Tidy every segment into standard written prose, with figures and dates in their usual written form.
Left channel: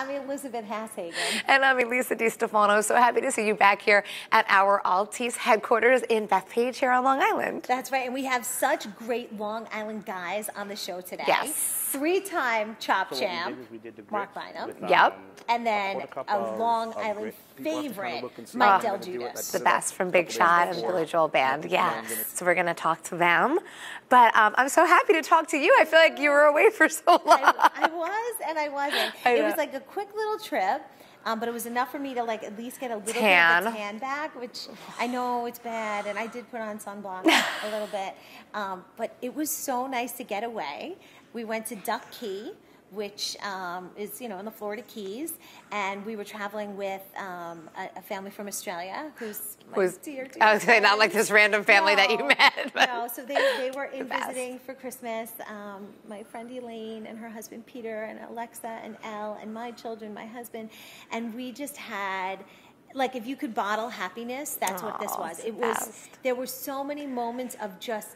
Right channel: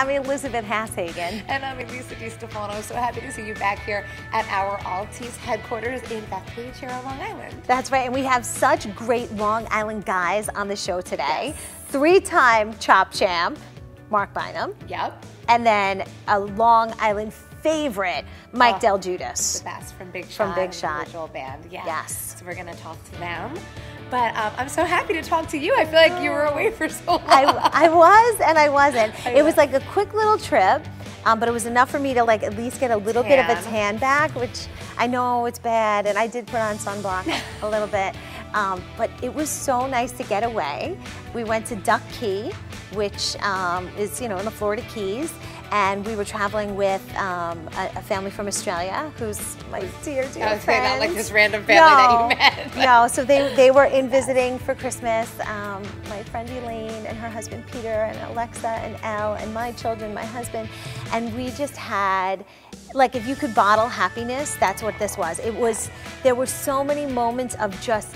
I'm Elizabeth Hashagen. And I'm Elisa DiStefano. So happy to see you back here at our Altis headquarters in Backstage here on Long Island. That's right, and we have such great Long Island guys on the show today. Yes. 3-time Chop Champ, Marc Bynum. Yep. And then a Long Island favorite, Mike DelGuidice. The best from Big Shot and the Joel Band. Yes. So we're going to talk to them. But I'm so happy to talk to you. I feel like you were away for so long. I was and I wasn't. It was like a quick little trip, but it was enough for me to like at least get a little bit of a tan back, which I know it's bad, and I did put on sunblock a little bit. But it was so nice to get away. We went to Duck Key, which is, in the Florida Keys, and we were traveling with a family from Australia who's my dear I was saying, not like this random family that you met. No, so they were in visiting for Christmas. My friend Elaine and her husband Peter and Alexa and Elle and my children, my husband, and we just had, like, if you could bottle happiness, that's what this was. It was, there were so many moments of just,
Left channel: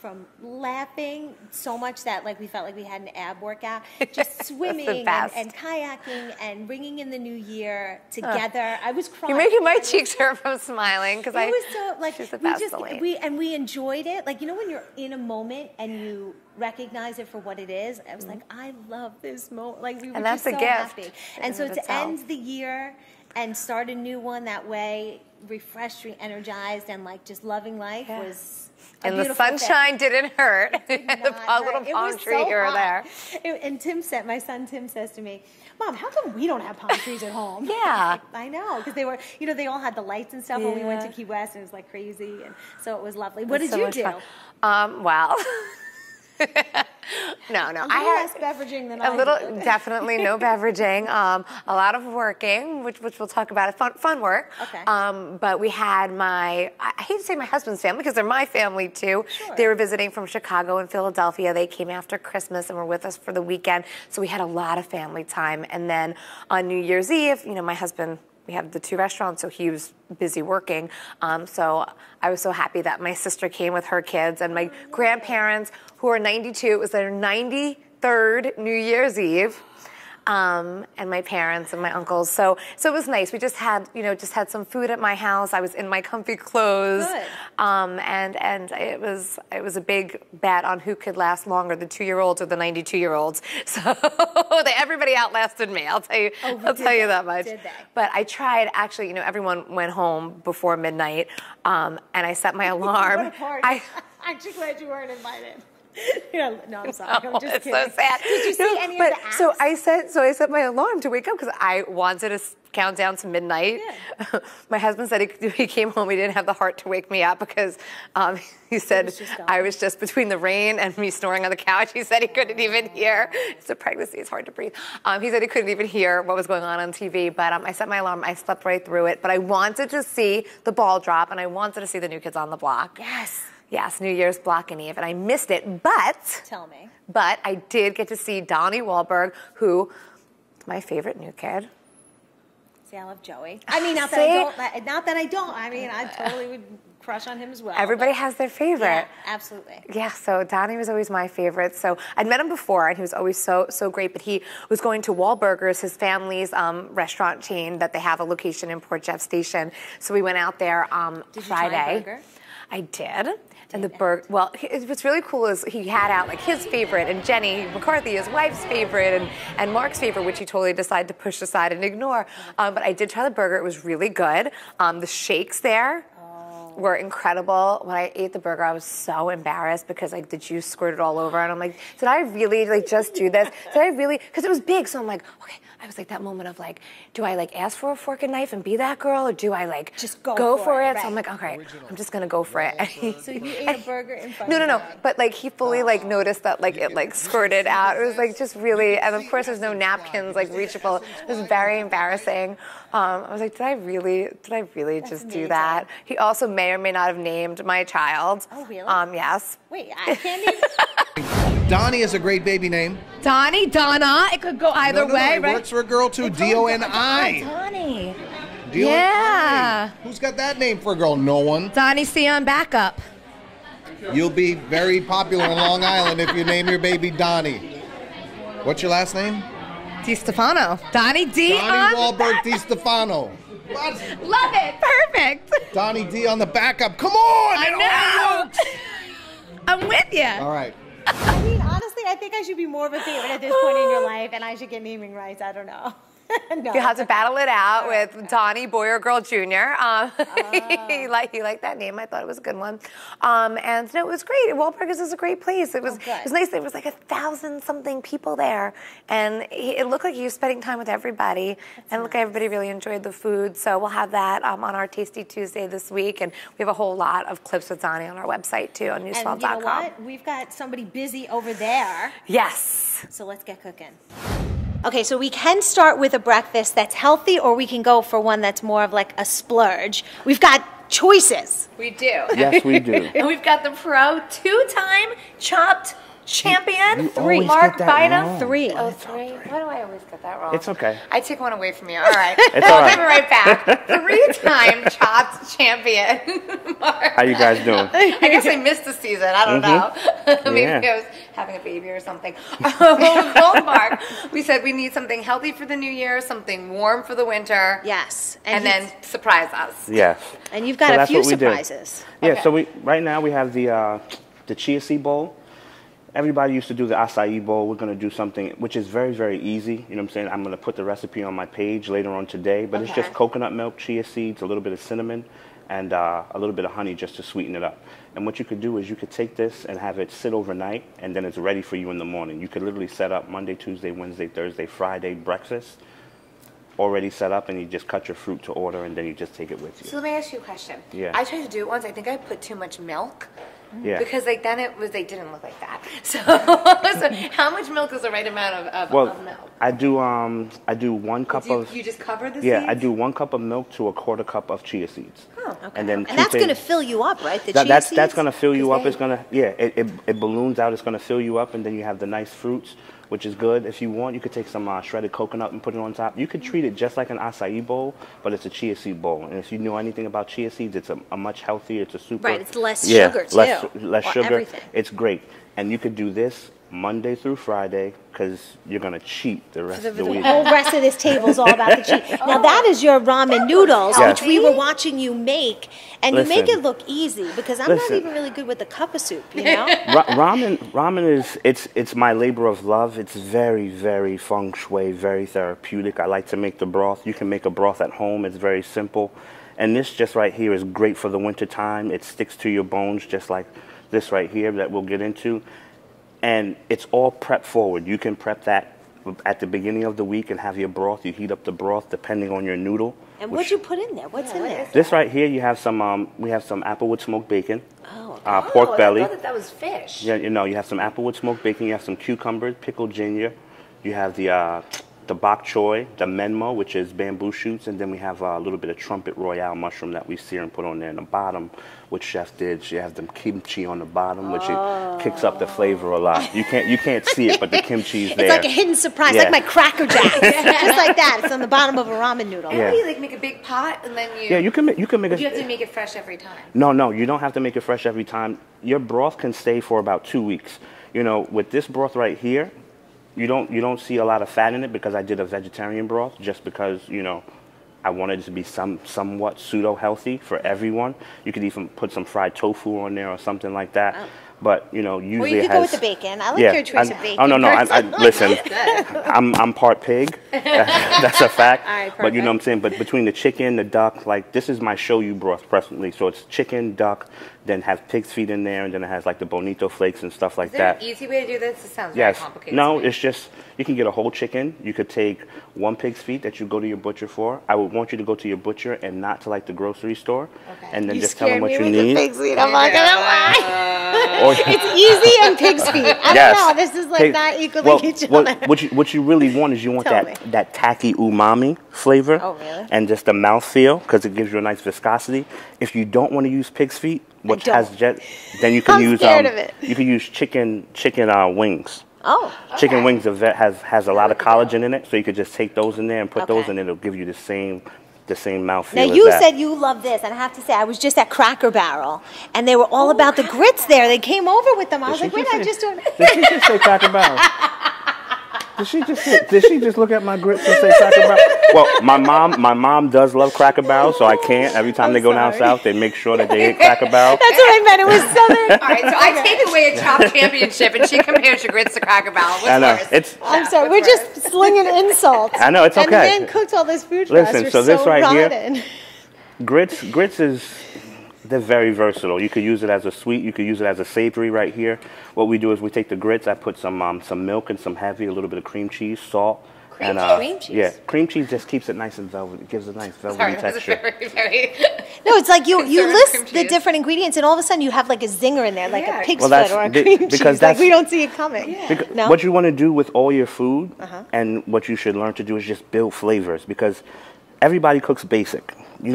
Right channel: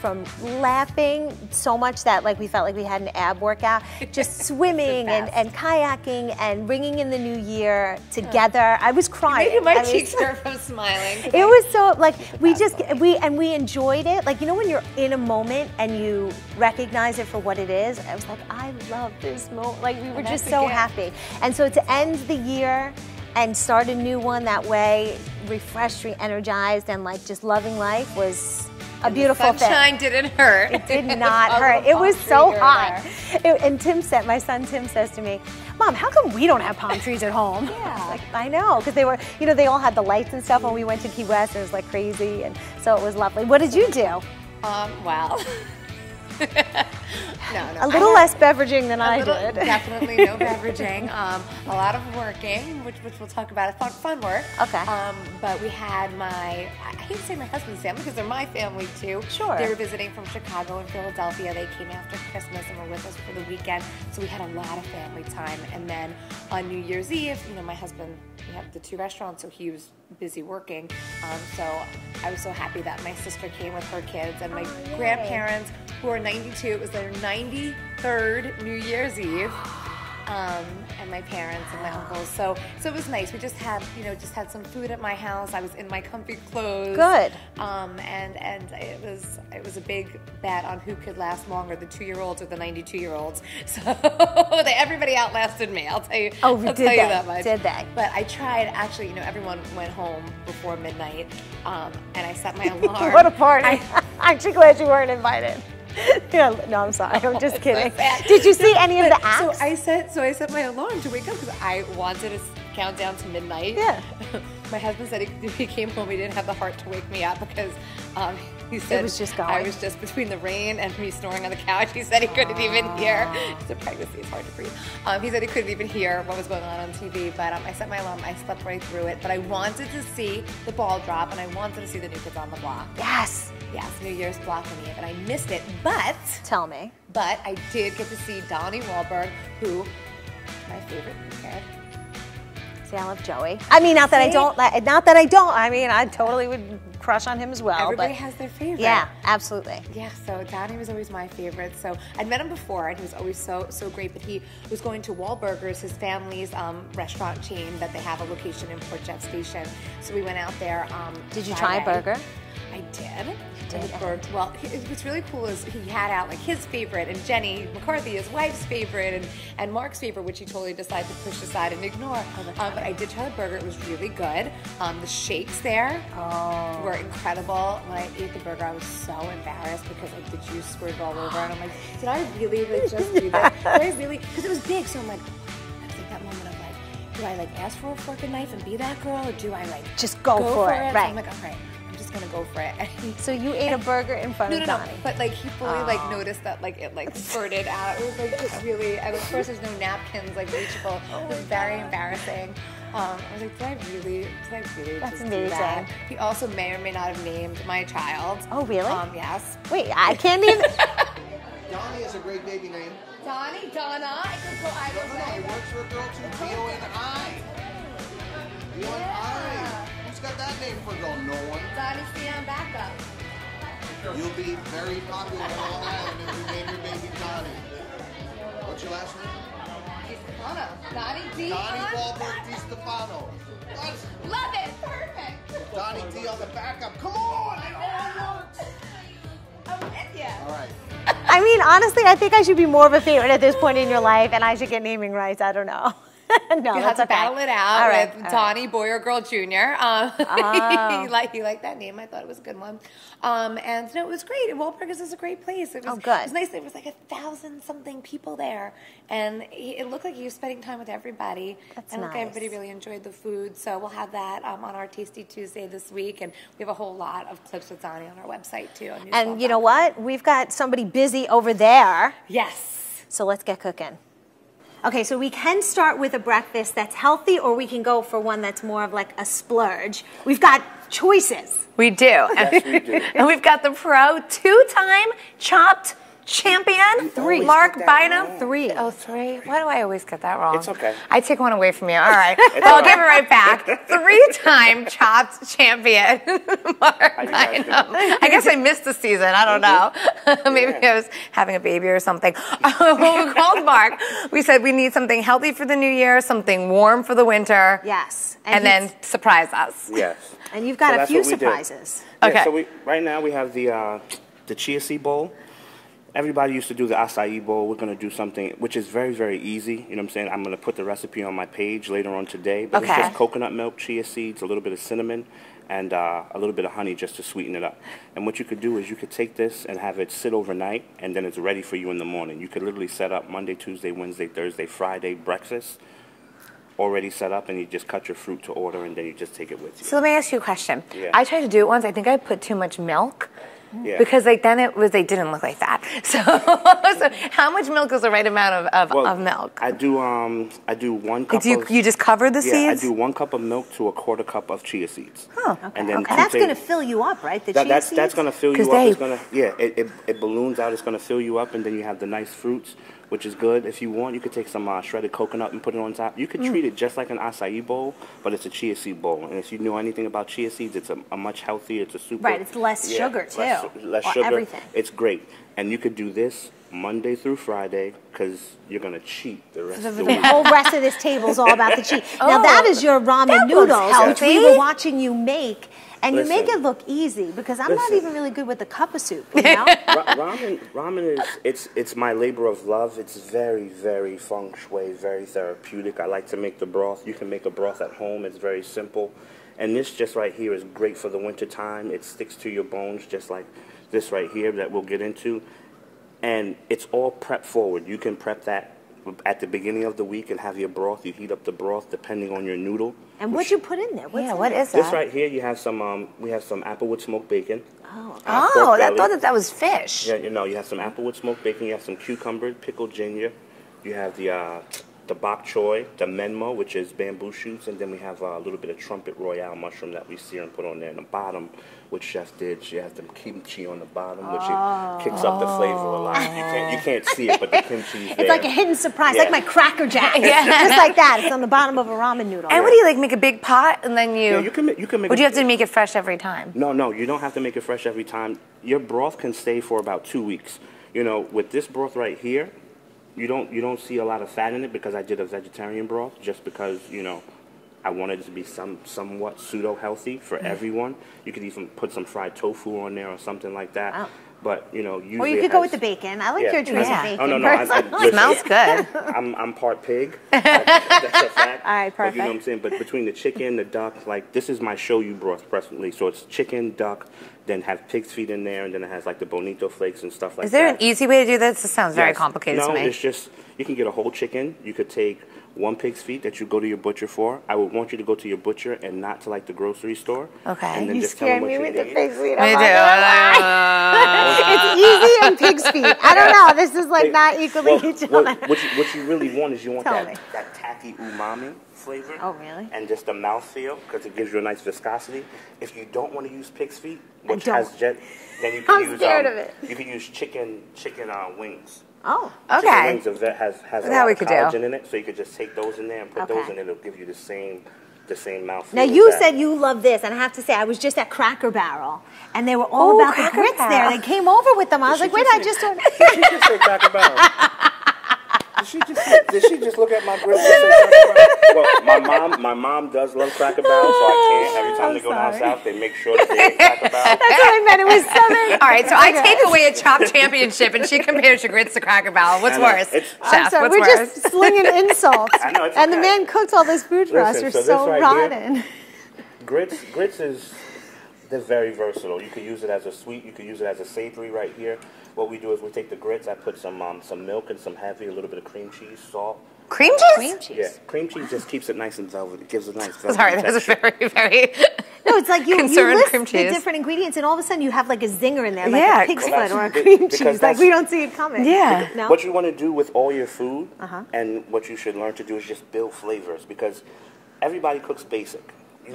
from laughing so much that like we felt like we had an ab workout, just swimming and kayaking and bringing in the new year together. I was crying. You're making my cheeks hurt from smiling. It was so, like, we enjoyed it. Like, when you're in a moment and you recognize it for what it is, I was like, I love this moment. Like, we were just so happy. And so to end the year and start a new one that way, refreshed, re-energized, and like just loving life was a beautiful thing. The sunshine didn't hurt. It did not hurt. It was so hot. And my son Tim says to me, Mom, how come we don't have palm trees at home? Yeah. I know, because they were, they all had the lights and stuff when we went to Key West. It was like crazy, and so it was lovely. What did you do? Well, no. A little less beveraging than I did. Definitely no beveraging. A lot of working, which we'll talk about. Fun work. Okay. But we had I hate to say my husband's family because they're my family too. Sure. They were visiting from Chicago and Philadelphia. They came after Christmas and were with us for the weekend. So we had a lot of family time. And then on New Year's Eve, my husband, we had the 2 restaurants, so he was busy working. So I was so happy that my sister came with her kids and my grandparents, who are 92. It was their 93rd New Year's Eve. And my parents and my uncles. So it was nice. We just had, had some food at my house. I was in my comfy clothes. Good. And it was a big bet on who could last longer, the 2-year-olds or the 92-year-olds. So everybody outlasted me. I'll tell you. I'll tell you that much. Did they? But I tried. Actually, everyone went home before midnight, and I set my alarm. What a party! Aren't you glad you weren't invited? No, I'm sorry. I'm just kidding. Did you see any of the acts? So I set my alarm to wake up because I wanted to count down to midnight. Yeah. My husband said he came home, he didn't have the heart to wake me up because he said I was just between the rain and me snoring on the couch. He said he couldn't even hear. It's a pregnancy, it's hard to breathe. He said he couldn't even hear what was going on TV, but I set my alarm, I slept right through it, but I wanted to see the ball drop and I wanted to see the New Kids on the Block. Yes, New Year's Block and Eve, and I missed it, but... Tell me. But I did get to see Donnie Wahlberg, who, my favorite new kid. See, I love Joey. Not that I don't. I totally would crush on him as well. Everybody has their favorite. Yeah, absolutely. Yeah, so Donnie was always my favorite. So I'd met him before, and he was always so great, but he was going to Wahlburgers, his family's restaurant chain that they have a location in Port Jeff Station. So we went out there Did you try a burger? I did. And the burger, well, what's really cool is he had out like his favorite, and Jenny McCarthy, his wife's favorite, and Marc's favorite, which he totally decided to push aside and ignore. But I did try the burger. It was really good. The shakes there were incredible. When I ate the burger, I was so embarrassed because like the juice squirted all over, and I'm like, did I really just do this? Did I really? Because it was big, so I'm like, okay. I was like that moment of like, do I like ask for a fork and knife and be that girl, or do I like just go for it? Right. So I'm like, okay, I'm just gonna go for it. So you ate a burger in front of No. But like he fully like noticed that like it like squirted out. It was like just really, and of course there's no napkins like reachable. It was very embarrassing. I was like, did I really just do that? He also may or may not have named my child. Oh, really? Yes. Wait, I can't even. Donnie is a great baby name. Donnie, Donna. It could go either way, it right? Works for a girl too. D-O-N-I. Donnie. Yeah. Who's got that name for a girl? No one. Donnie C on backup. You'll be very popular in Long Island if you name your baby Donnie. What's your last name? DiStefano. Donnie D. Donnie Wahlberg DiStefano. What? Love it. Perfect. Donnie D on the backup. Come on! I know. I'm with you. All right. I mean, honestly, I think I should be more of a favorite at this point in your life, and I should get naming rights. I don't know. No, you have to battle it out with Donnie, boy or girl, Jr. He liked that name. I thought it was a good one. And so it was great. Wahlburgers is a great place. It was good. It was nice. There was like 1,000-something people there, and it looked like he was spending time with everybody. And it looked like everybody really enjoyed the food. So we'll have that on our Tasty Tuesday this week, and we have a whole lot of clips with Donnie on our website too on newswell.com. And you know what? We've got somebody busy over there. Yes. So let's get cooking. Okay, so we can start with a breakfast that's healthy, or we can go for one that's more of like a splurge. We've got choices. We do. Yes, we do. And we've got the pro two-time chopped champion, Marc Bynum. Three. Oh, three. Why do I always get that wrong? It's okay. I take one away from you. All right. I'll give it right back. Three-time chopped champion, Marc. How you guys doing? I guess I missed the season. I don't know. Maybe I was having a baby or something. We called Marc. We said we need something healthy for the new year, something warm for the winter. Yes. And then surprise us. Yes. And you've got a few surprises. Yeah, Okay. so right now we have the chia seed bowl. Everybody used to do the acai bowl. We're going to do something which is very, very easy. You know what I'm saying? I'm going to put the recipe on my page later on today. But it's just coconut milk, chia seeds, a little bit of cinnamon, and a little bit of honey just to sweeten it up. And what you could do is you could take this and have it sit overnight, and then it's ready for you in the morning. You could literally set up Monday, Tuesday, Wednesday, Thursday, Friday breakfast already set up, and you just cut your fruit to order, and then you just take it with you. So let me ask you a question. Yeah. I tried to do it once. I think I put too much milk. Yeah. Because then they didn't look like that. So, so how much milk is the right amount of milk? I do 1 cup of... You just cover the seeds? Yeah, I do 1 cup of milk to a 1/4 cup of chia seeds. Oh, okay. And that's going to fill you up, right? The chia seeds? That's going to fill you up. It's going to, it balloons out. It's going to fill you up, and then you have the nice fruits, which is good. If you want, you could take some shredded coconut and put it on top. You could treat it just like an acai bowl, but it's a chia seed bowl. And if you know anything about chia seeds, it's a much healthier. It's a super... Right, it's less sugar, too. Less sugar. Everything. It's great. And you could do this Monday through Friday, because you're going to cheat the rest of the week. The whole rest of this table is all about the cheat. Now, that is your ramen noodles, which we were watching you make. And you make it look easy, because I'm not even really good with the cup of soup, you know? Ramen is, it's my labor of love. It's very, very feng shui, very therapeutic. I like to make the broth. You can make a broth at home. It's very simple. And this just right here is great for the winter time. It sticks to your bones just like this right here that we'll get into. And it's all prep forward. You can prep that at the beginning of the week and have your broth. You heat up the broth depending on your noodle. And what you put in there? What is that? This right here, you have some. We have some applewood smoked bacon. Oh, pork belly. I thought that was fish. Yeah, you know, you have some applewood smoked bacon. You have some cucumbers, pickled ginger. You have the bok choy, the menmo, which is bamboo shoots, and then we have a little bit of trumpet royale mushroom that we sear and put on there in the bottom, which chef did. You have the kimchi on the bottom, which it kicks up the flavor a lot. You can't see it, but the kimchi's there. It's like a hidden surprise, like my Cracker Jack. Just like that. It's on the bottom of a ramen noodle. And what do you like? Make a big pot and then you? Yeah, you can make. Would you have to make it fresh every time? No, you don't have to make it fresh every time. Your broth can stay for about 2 weeks. You know, with this broth right here, you don't see a lot of fat in it, because I did a vegetarian broth just because, you know, I wanted it to be somewhat pseudo-healthy for everyone. You could even put some fried tofu on there or something like that. Oh. But, you know, usually or you could go with the bacon. I like your choice of bacon. Oh, no, listen, smells good. I'm part pig. That's a fact. All right, perfect. But you know what I'm saying? But between the chicken, the duck, like, this is my shoyu broth presently. So it's chicken, duck, then have pig's feet in there, and then it has like the bonito flakes and stuff like that. Is there an easy way to do this? This sounds very complicated to me. No, it's just, you can get a whole chicken. You could take 1 pig's feet that you go to your butcher for. I would want you to go to your butcher and not to like the grocery store. Okay. And then just tell them what you need. Pig's feet. I'm not gonna lie. It's easy and pig's feet. I don't know. This is like not equally each other. What you really want is you want that tacky umami flavor. Oh, really? And just the mouthfeel, because it gives you a nice viscosity. If you don't want to use pig's feet, which has then you can use you can use chicken wings. Oh, okay. Chicken wings has a lot of collagen in it, so you could just take those in there and put those in. It'll give you the same mouthfeel. Now you said you love this, and I have to say I was just at Cracker Barrel, and they were all about the grits there. They came over with them. I was like, wait, I just don't. Did she just say Cracker Barrel? Did she just look at my grits and say Cracker Barrel? Well, my mom does love Cracker Barrel, so I can't. Every time they go down south, they make sure that they eat Cracker Barrel. That's what I meant. It was 7. All right, so I take away a Chopped Championship, and she compares your grits to Cracker Barrel. What's worse? I'm sorry, we're just slinging insults. I know, it's okay. And the man cooked all this food for us. Listen, We're so this right rotten. here, grits is, they're very versatile. You could use it as a sweet, you could use it as a savory right here. What we do is we take the grits, I put some milk and some heavy, a little bit of cream cheese, salt. Cream cheese? Cream cheese? Yeah, cream cheese just keeps it nice and velvety. It gives it a nice velvety Sorry, that was texture. very... No, it's like you list cream the cheese. different ingredients, and all of a sudden you have like a zinger in there, like a pig's Well, foot or a be- cream because cheese. Like we don't see it coming. Yeah. No? What you want to do with all your food, and what you should learn to do is just build flavors, because everybody cooks basic. You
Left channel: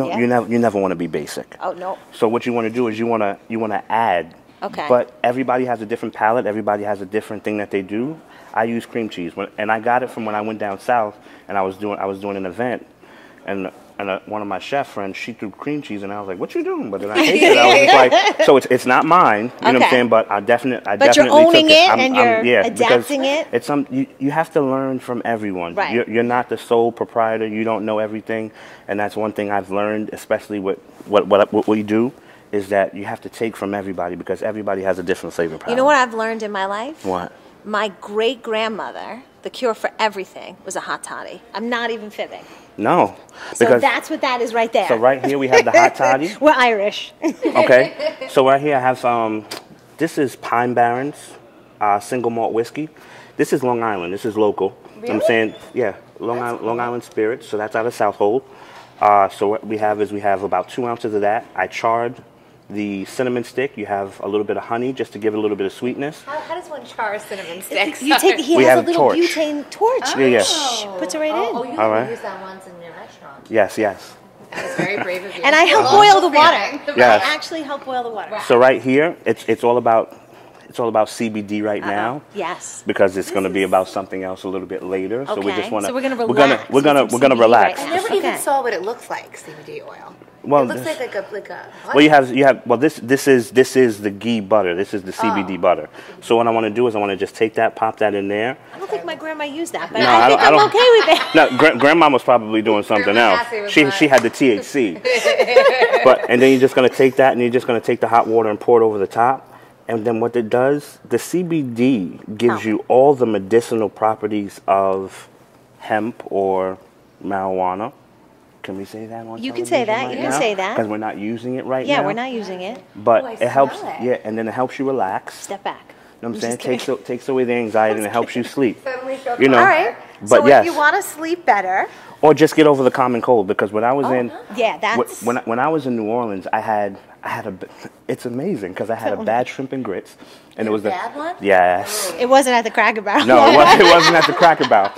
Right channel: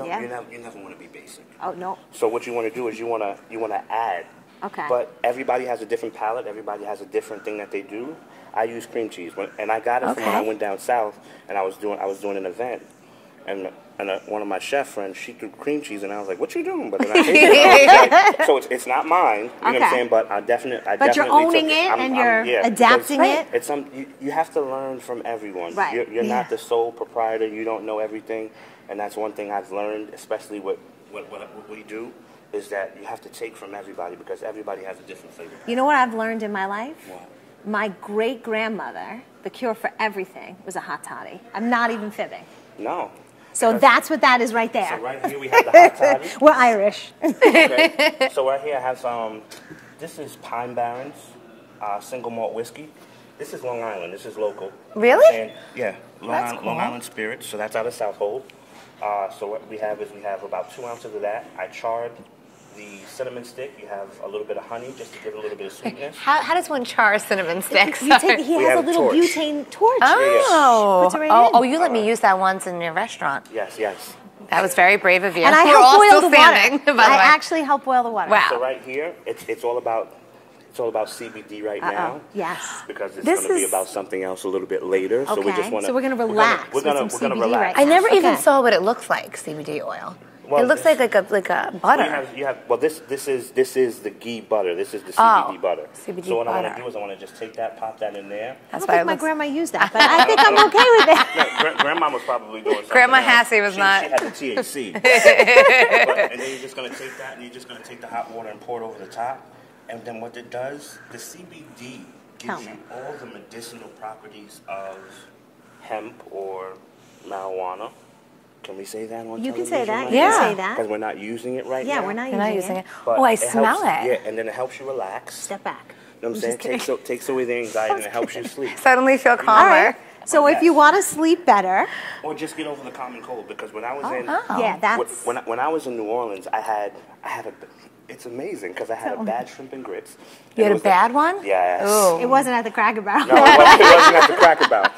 never want to be basic. Oh no. So what you want to do is you want to add. Okay. But everybody has a different palate. Everybody has a different thing that they do. I use cream cheese, and I got it from when I went down south, and I was doing an event, and one of my chef friends, she threw cream cheese, and I was like, "What you doing?" But then I tasted it. I was like, so it's not mine. You know what I'm saying? But I definitely. But you're owning took it, and you're adapting it. It's you have to learn from everyone. Right. You're not the sole proprietor. You don't know everything, and that's one thing I've learned, especially with what we do, is that you have to take from everybody, because everybody has a different flavor palette. You know what I've learned in my life? What? My great-grandmother, the cure for everything, was a hot toddy. I'm not even fibbing. No. So that's what that is right there. So right here we have the hot toddy. We're Irish. Okay. So right here I have this is Pine Barrens single malt whiskey. This is Long Island. This is local. Really? You know what I'm saying? Yeah. Long Island Spirits. So that's out of Southold. So what we have about 2 ounces of that. I charred the cinnamon stick. You have a little bit of honey just to give it a little bit of sweetness. How does one char a cinnamon stick? He has a little butane torch. Oh. Puts it right in. Oh, you let me use that once in your restaurant. Yes. That was very brave of you. And I helped boil the water. Yeah. I actually helped boil the water. Wow. So right here, it's all about CBD right now. Yes. Because it's going to be about something else a little bit later. So we Okay. just want to. So we're gonna relax We're gonna with some CBD relax. right I never even saw what it looks like, CBD oil. Well, it looks like a butter. Well, you have. Well, this is the ghee butter. This is the CBD butter. So what I want to do is I want to just take that, pop that in there. I don't think my grandma used that, but No, I think I'm okay with it. No, grandma was probably doing something Grandma else. Cassie was She not. had the THC. And then you're just gonna take that, and you're just gonna take the hot water and pour it over the top. And then what it does, the CBD gives you all the medicinal properties of hemp or marijuana. Can we say that on You can say television that. like You can say that. Because we're not using it right now. Yeah, we're not using it. But I smell helps, it. Yeah, and then it helps you relax. Step back. You know what I'm saying? Takes away the anxiety and it helps you sleep. Suddenly feel calmer. You know, All right. But So yes. if you want to sleep better, Or just get over the common cold, because when I was yeah, that's when I was in New Orleans, I had it's amazing because I had a bad shrimp and grits. You And had a bad one? Yes. Ooh. it wasn't at the Cracker Barrel. No, it wasn't at the Cracker Barrel.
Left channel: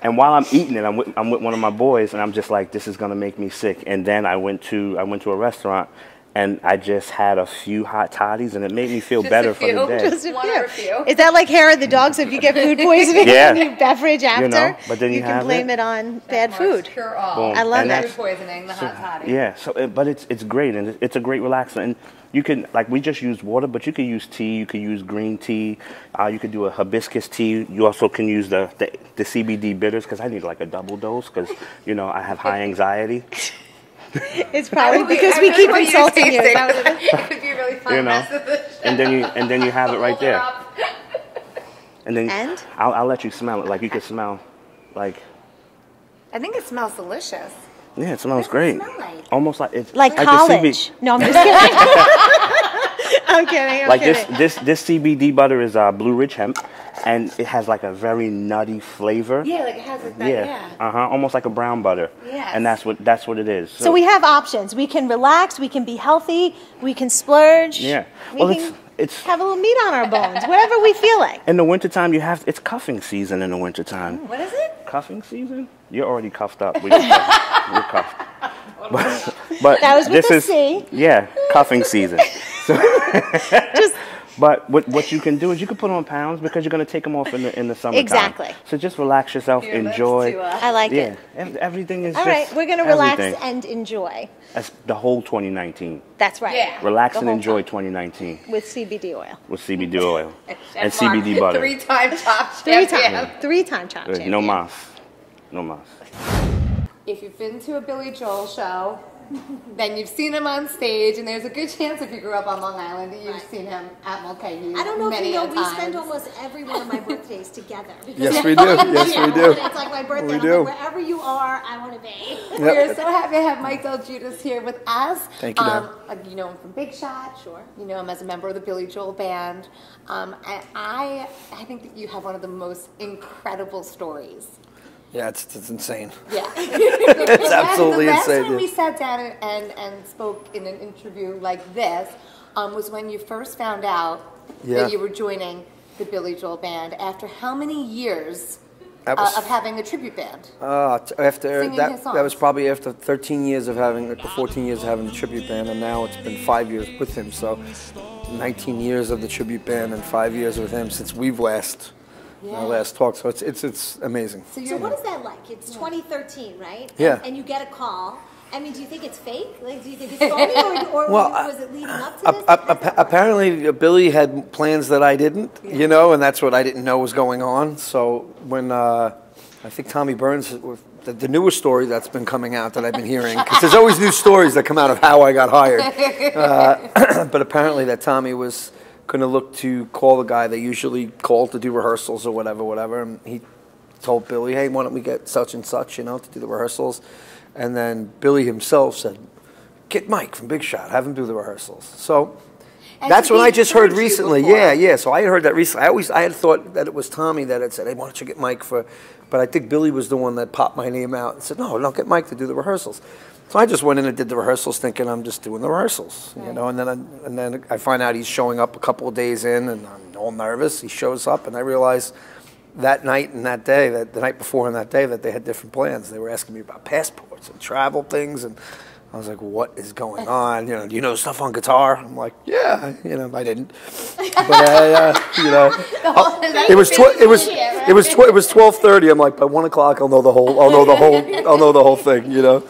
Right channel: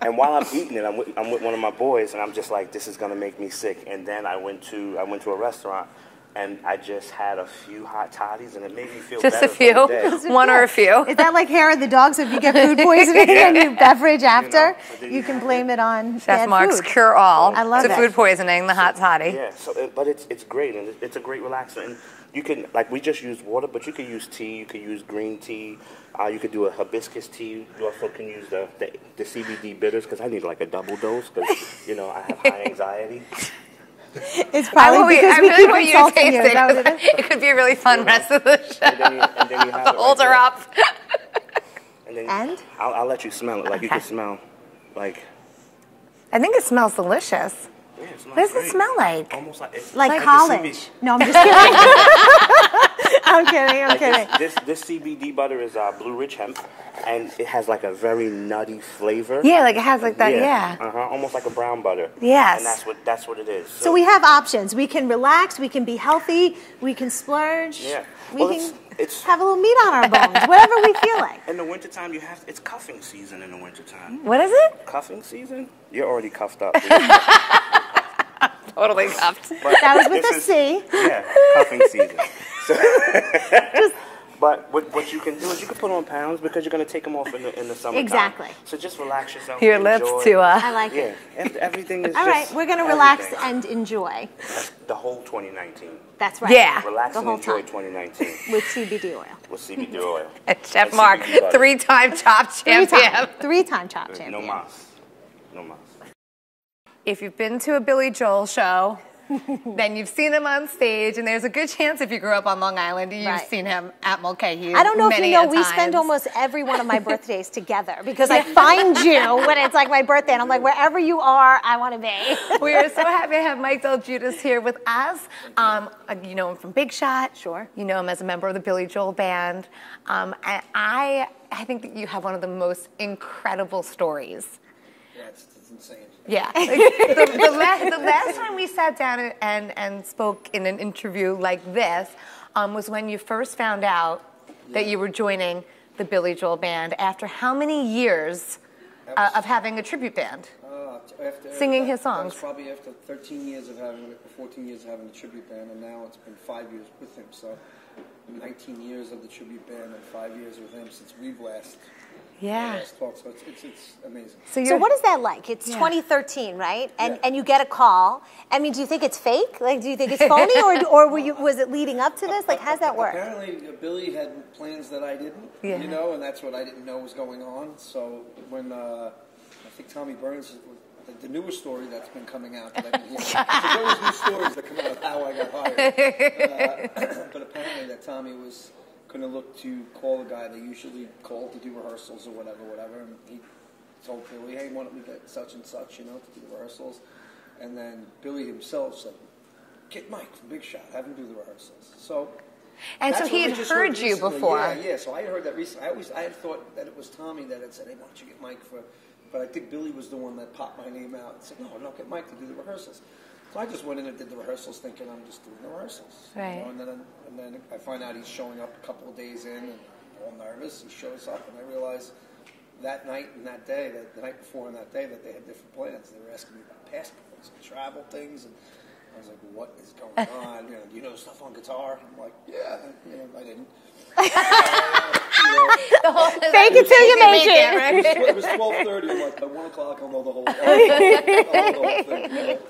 And while I'm eating it, I'm with one of my boys, and I'm just like, this is gonna make me sick. And then I went to a restaurant, and I just had a few hot toddies, and it made me feel Just better a few? for the day. Just One or a few? Is that like hair of the dog? So if you get food poisoning Yeah. and you beverage after, know, but then you can have blame it. it on Chef bad Marc's food. cure all. I love the that. food poisoning, the hot toddy. Yeah, but it's great, and it's a great relaxer. And you can, like, we just use water, but you can use tea, you can use green tea, you can do a hibiscus tea. You also can use the CBD bitters, because I need like a double dose, because, I have high anxiety. It's probably because we keep insulting you. Is that what it is? It could be a really fun rest of the show. And then you have it right Hold her there. up. And then And? I'll let you smell it. Like, you can smell, like, I think it smells delicious. yeah, it smells What does great. it smell like? Almost like it's Like the college. No, I'm just kidding. I'm kidding. Like this CBD butter is Blue Ridge hemp, and it has like a very nutty flavor. Yeah, like it has like that, yeah. Almost like a brown butter. Yes. And that's what it is. So we have options. We can relax. We can be healthy. We can splurge. Yeah. We Well, can it's have a little meat on our bones. Whatever we feel like. in the wintertime, it's cuffing season in the wintertime. What is it? Cuffing season? You're already cuffed up. You're cuffed. Totally cuffed. But That was with this a is, C. Yeah, cuffing season. Just But what you can do is you can put on pounds because you're going to take them off in the summertime. Exactly. So just relax yourself, Your enjoy. lips too. I like it. Everything is All right, just we're going to relax everything. and enjoy. That's the whole 2019. That's right. Yeah. Relax The and whole enjoy time. 2019 With CBD oil. with CBD oil Chef and Marc, CBD butter. 3-time top champion. Three-time top champion. No mas. No mas. If you've been to a Billy Joel show, then you've seen him on stage, and there's a good chance if you grew up on Long Island, you've Right. seen him at Mulcahy. I don't know if you know, we times. spend almost every one of my birthdays together because Yes, I we do. find Yes, you we do. when it's like my birthday, and I'm We like, do. wherever you are, I want to be. We're so happy to have Mike DelGuidice here with us. Thank you, Dad. You know him from Big Shot. Sure. You know him as a member of the Billy Joel Band. And I think that you have one of the most incredible stories. Yeah, it's insane. Yeah. It's absolutely the last insane. time we sat down and spoke in an interview like this was when you first found out Yeah. that you were joining the Billy Joel Band after how many years That was- of having a tribute band? After Singing that, his songs. that was probably after 13 years of having, or 14 years of having the tribute band, and now it's been 5 years with him. So 19 years of the tribute band and 5 years with him since we've last talked. So it's amazing. So what is that like? It's 2013, right? And, Yeah. and you get a call. I mean, do you think it's fake? Like, do you think it's phony, or was it leading up to this? Like, how's that work? Apparently, Billy had plans that I didn't, you know, and that's what I didn't know was going on. So when I think Tommy Burns, the newest story that's been coming out that I've been hearing, because there's always new stories that come out of how I got hired. But apparently that Tommy was going to look to call the guy they usually call to do rehearsals or whatever. And he told Billy, hey, why don't we get such and such, you know, to do the rehearsals. And then Billy himself said, get Mike from Big Shot, have him do the rehearsals. So And that's so what he'd I just heard heard you recently. before. Yeah. So I had heard that recently. I had thought that it was Tommy that had said, hey, why don't you get Mike for, but I think Billy was the one that popped my name out and said, no, don't get Mike to do the rehearsals. So I just went in and did the rehearsals thinking I'm just doing the rehearsals, you know, and then I find out he's showing up a couple of days in and I'm all nervous. He shows up and I realize that night and that day, that the night before and that day, that they had different plans. They were asking me about passports and travel things, and I was like, what is going on? You know, do you know stuff on guitar? I'm like, yeah, you know, I didn't. But you know, it was 12:30. I'm like, by 1 o'clock, I'll know the whole thing. You know,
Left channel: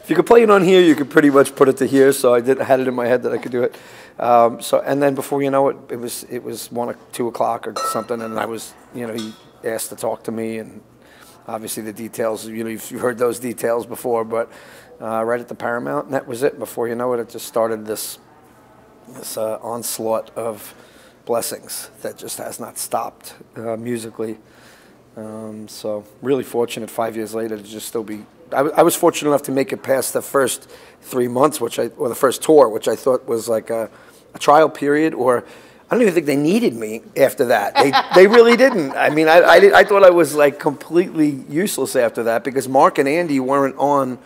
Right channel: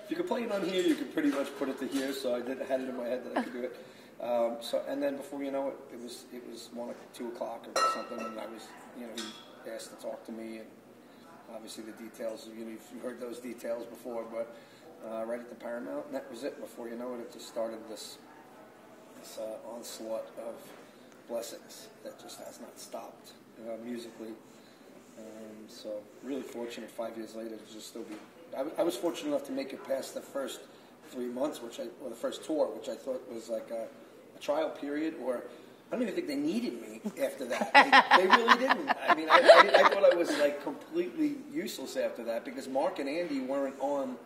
if you could play it on here, you could pretty much put it to here. So I had it in my head that I could do it. So and then before you know it, it was 1 or 2 o'clock or something, and I was, you know, he asked to talk to me, and obviously the details. You know, you've heard those details before, but. Right at the Paramount, and that was it. Before you know it, it just started this onslaught of blessings that just has not stopped musically. So really fortunate 5 years later to just still be. I was fortunate enough to make it past the first 3 months, or the first tour, which I thought was like a trial period, or I don't even think they needed me after that. They really didn't. I mean, I thought I was like completely useless after that because Marc and Andy weren't on.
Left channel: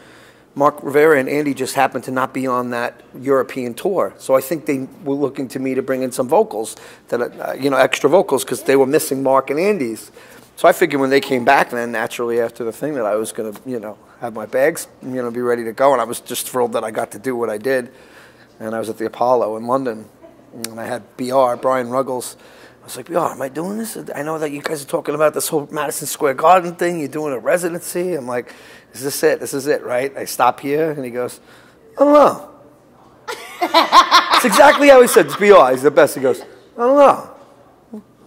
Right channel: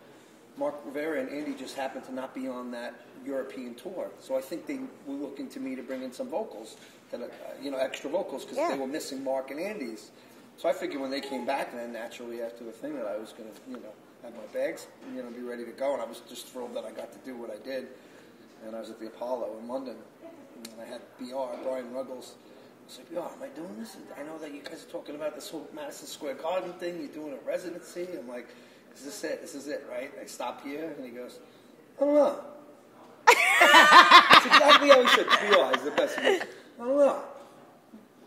Marc Rivera and Andy just happened to not be on that European tour. So I think they were looking to me to bring in some vocals, extra vocals, because they were missing Marc and Andy's. So I figured when they came back then, naturally after the thing, that I was going to, have my bags, be ready to go. And I was just thrilled that I got to do what I did. And I was at the Apollo in London, and I had BR, Brian Ruggles. I was like, BR, am I doing this? I know that you guys are talking about this whole Madison Square Garden thing. You're doing a residency. I'm like, is this it? This is it, right? I stop here, and he goes, I don't know. That's exactly how he said. It's BR. He's the best. He goes, I don't know.